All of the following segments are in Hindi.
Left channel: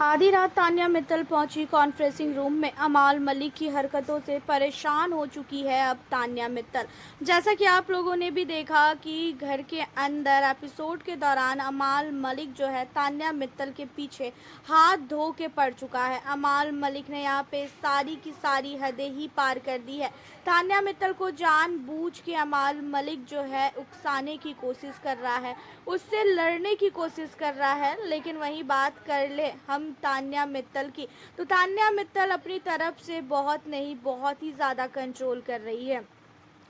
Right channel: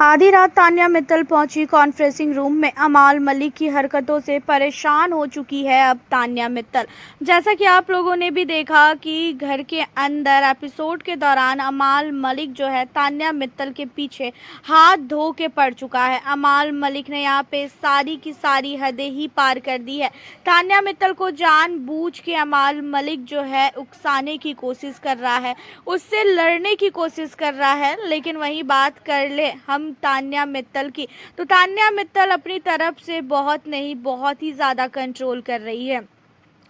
आधी रात तान्या मित्तल पहुंची कॉन्फ्रेंसिंग रूम में। अमाल मलिक की हरकतों से परेशान हो चुकी है अब तान्या मित्तल। जैसा कि आप लोगों ने भी देखा कि घर के अंदर एपिसोड के दौरान अमाल मलिक जो है तान्या मित्तल के पीछे हाथ धो के पड़ चुका है। अमाल मलिक ने यहाँ पे सारी की सारी हदें ही पार कर दी है। तान्या मित्तल को जानबूझ के अमाल मलिक जो है उकसाने की कोशिश कर रहा है, उससे लड़ने की कोशिश कर रहा है। लेकिन वही बात कर ले हम तान्या मित्तल की, तो तान्या मित्तल अपनी तरफ से बहुत नहीं, बहुत ही ज़्यादा कंट्रोल कर रही है।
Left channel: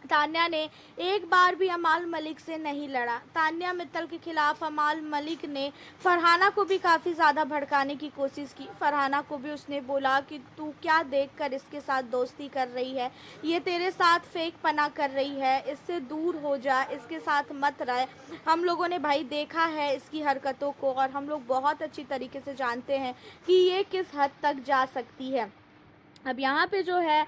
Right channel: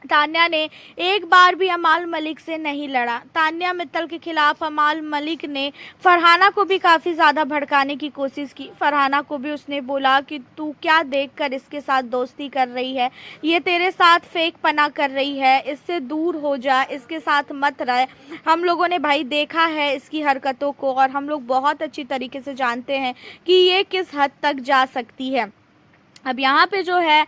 तान्या ने एक बार भी अमाल मलिक से नहीं लड़ा। तान्या मित्तल के खिलाफ अमाल मलिक ने फरहाना को भी काफ़ी ज़्यादा भड़काने की कोशिश की। फरहाना को भी उसने बोला कि तू क्या देखकर इसके साथ दोस्ती कर रही है, ये तेरे साथ फेक पना कर रही है, इससे दूर हो जा, इसके साथ मत रह। हम लोगों ने भाई देखा है इसकी हरकतों को और हम लोग बहुत अच्छी तरीके से जानते हैं कि ये किस हद तक जा सकती है। अब यहाँ पे जो है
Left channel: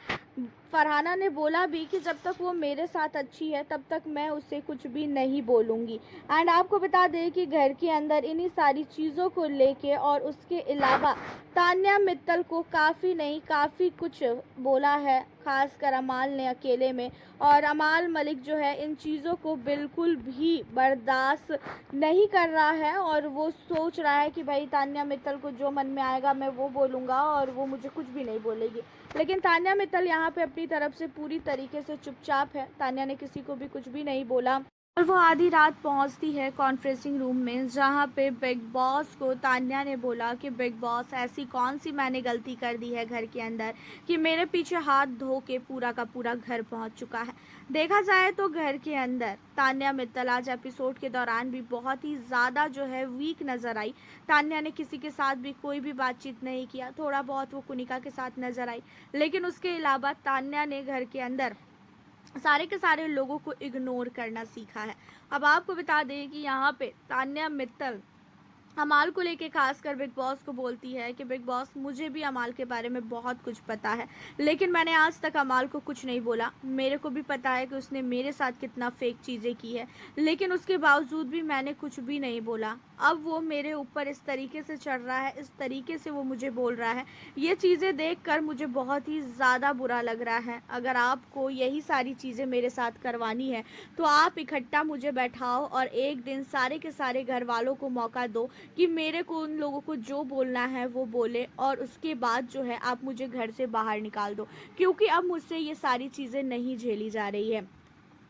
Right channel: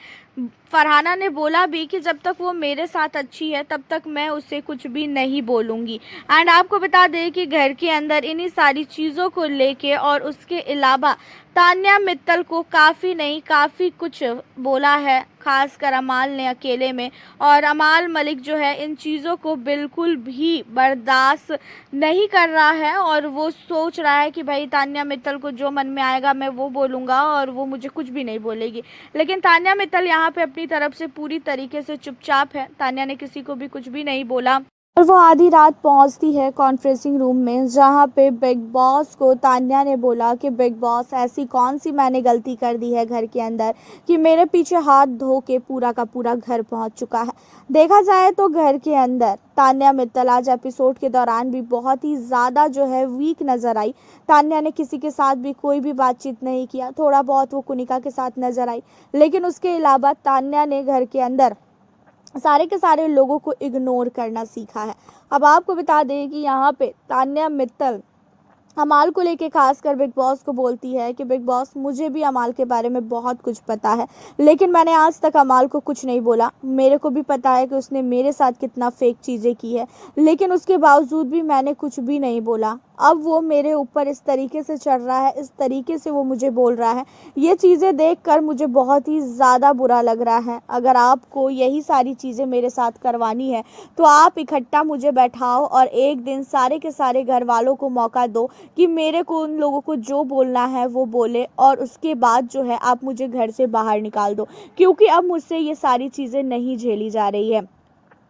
फरहाना ने बोला भी कि जब तक वो मेरे साथ अच्छी है तब तक मैं उससे कुछ भी नहीं बोलूँगी। एंड आपको बता दें कि घर के अंदर इन्हीं सारी चीज़ों को लेके और उसके अलावा तान्या मित्तल को काफ़ी नहीं, काफ़ी कुछ बोला है, खासकर अमाल ने अकेले में। और अमाल मलिक जो है इन चीज़ों को बिल्कुल भी बर्दाश्त नहीं कर रहा है और वो सोच रहा है कि भाई तान्या मित्तल को जो मन में आएगा मैं वो बोलूँगा और वो मुझे कुछ भी नहीं बोलेगी। लेकिन तान्या मित्तल यहाँ पे अपनी तरफ से पूरी तरीके से चुपचाप है। तान्या ने किसी को भी कुछ भी नहीं बोला और वो आधी रात पहुंचती है कॉन्फ्रेंसिंग रूम में, जहां पे बिग बॉस को तान्या ने बोला कि बिग बॉस ऐसी कौन सी मैंने गलती कर दी है घर के अंदर कि मेरे पीछे हाथ धो के पूरा का पूरा घर पहुंच चुका है। देखा जाए तो घर के अंदर तान्या मित्तल आज एपिसोड के दौरान भी बहुत ही ज़्यादा जो है वीक नज़र आई। तान्या ने किसी के साथ भी कोई भी बातचीत नहीं किया, थोड़ा बहुत वो कुनिका के साथ नज़र आई, लेकिन उसके अलावा तान्या ने घर के अंदर सारे के सारे लोगों को इग्नोर करना सीखा है। अब आपको बता दें कि यहाँ पे तान्या मित्तल अमाल को लेके खासकर बिग बॉस को बोलती है कि बिग बॉस मुझे भी अमाल के बारे में बहुत कुछ पता है, लेकिन मैंने आज तक अमाल को कुछ नहीं बोला। मेरे को भी पता है कि उसने मेरे साथ कितना फेक चीज़ें की है, लेकिन उसके बावजूद भी मैंने कुछ भी नहीं बोला। अब वो मेरे ऊपर इस तरीके से चढ़ रहा है, इस तरीके से वो मुझे बोल रहा है, ये चीज़ें देखकर मुझे बहुत ही ज़्यादा बुरा लग रहा है। अगर आपको यही सारी चीज़ें मेरे साथ करवानी है तो आप इकट्ठा मुझे बैठाओ और एक दिन सारे के सारे घर वालों को मौका दो कि मेरे को उन लोगों को जो बोलना है वो बोले और उसके बाद जो है आप मुझे घर से बाहर निकाल दो, क्योंकि अब मुझसे ये सारी चीज़ें नहीं झेली जा रही है।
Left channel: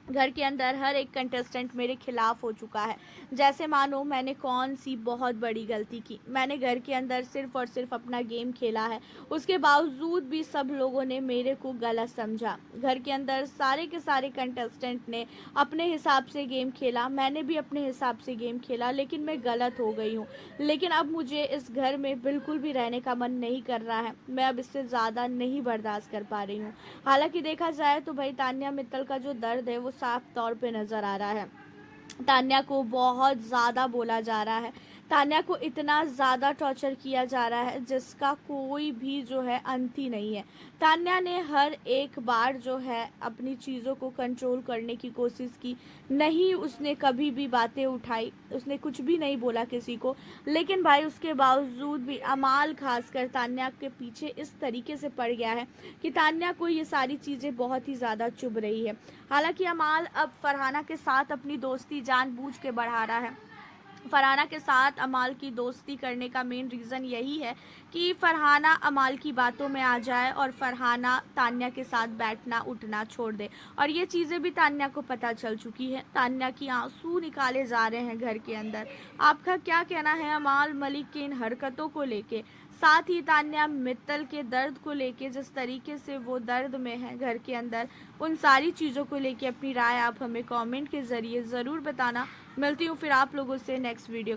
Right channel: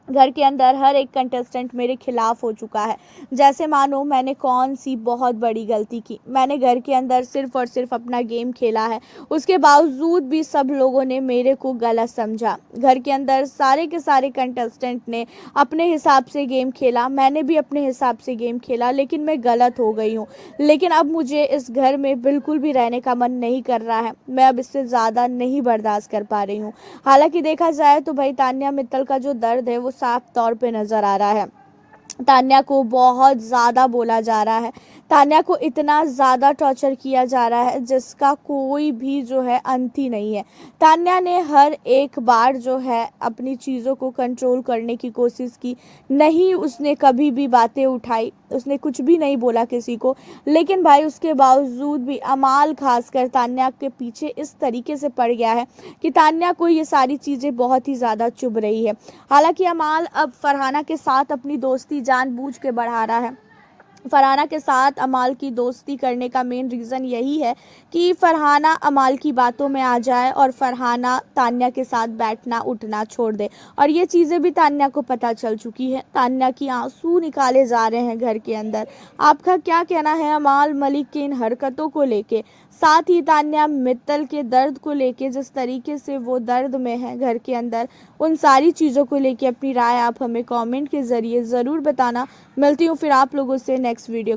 घर के अंदर हर एक कंटेस्टेंट मेरे खिलाफ हो चुका है, जैसे मानो मैंने कौन सी बहुत बड़ी गलती की। मैंने घर के अंदर सिर्फ और सिर्फ अपना गेम खेला है, उसके बावजूद भी सब लोगों ने मेरे को गलत समझा। घर के अंदर सारे के सारे कंटेस्टेंट ने अपने हिसाब से गेम खेला, मैंने भी अपने हिसाब से गेम खेला, लेकिन मैं गलत हो गई हूँ। लेकिन अब मुझे इस घर में बिल्कुल भी रहने का मन नहीं कर रहा है, मैं अब इससे ज़्यादा नहीं बर्दाश्त कर पा रही हूँ। हालांकि देखा जाए तो भाई तान्या मित्तल का जो दर्द है वो साफ तौर पे नज़र आ रहा है। तान्या को बहुत ज़्यादा बोला जा रहा है, तान्या को इतना ज़्यादा टॉर्चर किया जा रहा है जिसका कोई भी जो है अंत ही नहीं है। तान्या ने हर एक बार जो है अपनी चीज़ों को कंट्रोल करने की कोशिश की, नहीं उसने कभी भी बातें उठाई, उसने कुछ भी नहीं बोला किसी को, लेकिन भाई उसके बावजूद भी अमाल खासकर तान्या के पीछे इस तरीके से पड़ गया है कि तान्या को ये सारी चीज़ें बहुत ही ज़्यादा चुभ रही है। हालांकि अमाल अब फरहाना के साथ अपनी दोस्ती जानबूझ के बढ़ा रहा है। फरहाना के साथ अमाल की दोस्ती करने का मेन रीज़न यही है कि फरहाना अमाल की बातों में आ जाए और फरहाना तान्या के साथ बैठना उठना छोड़ दे। और ये चीज़ें भी तान्या को पता चल चुकी है। तान्या की आंसू निकाले जा रहे हैं घर के अंदर। आपका क्या कहना है अमाल मलिक की इन हरकतों को लेके, साथ ही तान्या मित्तल के दर्द को लेके, जिस तरीके से वो दर्द में है घर के अंदर, उन सारी चीज़ों को लेके अपनी राय आप हमें कमेंट के ज़रिए ज़रूर बताना। मिलती हूँ फिर आप लोगों से नेक्स्ट वीडियो।